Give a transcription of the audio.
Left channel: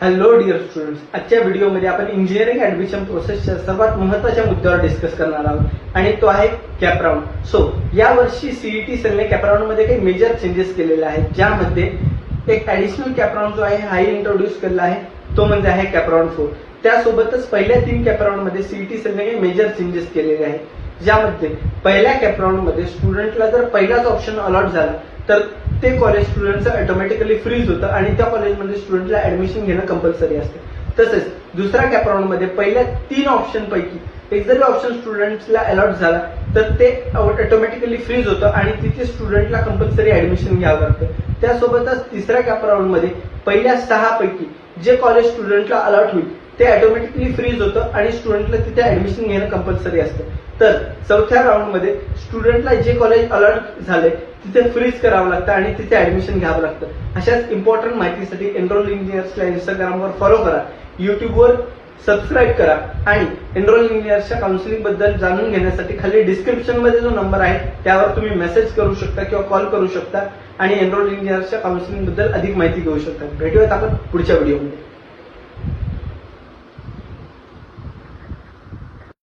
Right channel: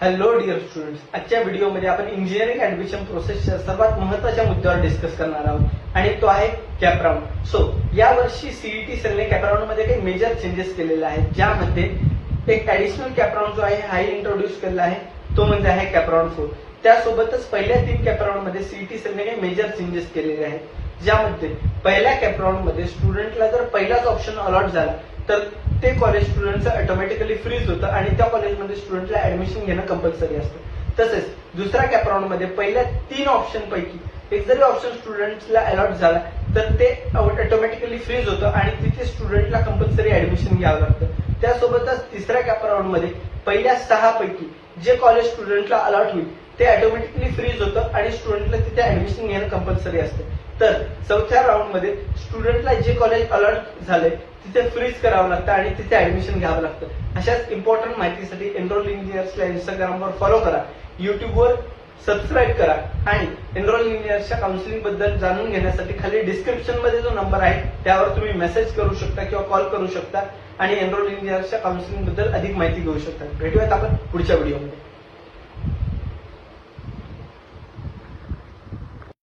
Hello dear students, आजच्या व्हिडिओमध्ये आपण इंजिनिअरिंग ऍडमिशन प्रोसेसच्या सर्वात महत्त्वाच्या मुद्द्यावर डिस्कस करणार आहोत आणि तो आहे कॅप राऊंड. सो यावर्षी सीईटी सेलने कॅप राऊंड मध्ये काही मेजर चेंजेस केलेले आहेत, ज्यामध्ये एक ऍडिशनल कॅप राऊंड जो आहे हाही इंट्रोड्यूस केलेला आहे, तो म्हणजे आहे कॅप राऊंड 4. त्यासोबतच पहिल्या 3 कॅप राऊंड मध्ये सीईटी सेलने काही मेजर चेंजेस केलेले आहेत, ज्यामध्ये पहिल्या कॅप राऊंड मध्ये स्टुडंटला जर पहिलाच ऑप्शन अलॉट झाला तर ते कॉलेज स्टुडंटचं ऑटोमॅटिकली फ्रीज होतं आणि त्या कॉलेजमध्ये स्टुडंटला ऍडमिशन घेणं कंपल्सरी असतं. तसेच दुसऱ्या कॅप राऊंड मध्ये पहिल्या 3 ऑप्शन पैकी एक जरी ऑप्शन स्टुडंटला अलॉट झाला तर ते ऑटोमॅटिकली फ्रीज होतं आणि तिथे स्टुडंटला कंपल्सरी ऍडमिशन घ्यावं लागतं. त्यासोबतच तिसऱ्या कॅप राऊंड मध्ये पहिल्या 6 पैकी जे कॉलेज स्टुडंटला अलॉट होईल ते ऑटोमॅटिकली फ्रीज होतं आणि स्टुडंटला तिथे ऍडमिशन घेणं कंपल्सरी असतं. तर चौथ्या राऊंड मध्ये स्टुडंटला जे कॉलेज अलॉट झालंय तिथे फ्रीज करावं लागतं आणि तिथे ऍडमिशन घ्यावं लागतं. अशाच इम्पॉर्टंट माहितीसाठी एनरोल इंजिनियर्सला इंस्टाग्रामवर फॉलो करा, युट्यूबवर सबस्क्राईब करा आणि एनरोल इंजिनियर्सच्या काउन्सिलिंग बद्दल जाणून घेण्यासाठी खाली डिस्क्रिप्शन मध्ये जो नंबर आहे त्यावर तुम्ही मेसेज करू शकता किंवा कॉल करू शकता आणि एनरोल इंजिनियर्सच्या काउन्सिलिंग बद्दल अधिक माहिती घेऊ शकता. भेटूयात आपण पुढच्या व्हिडिओमध्ये.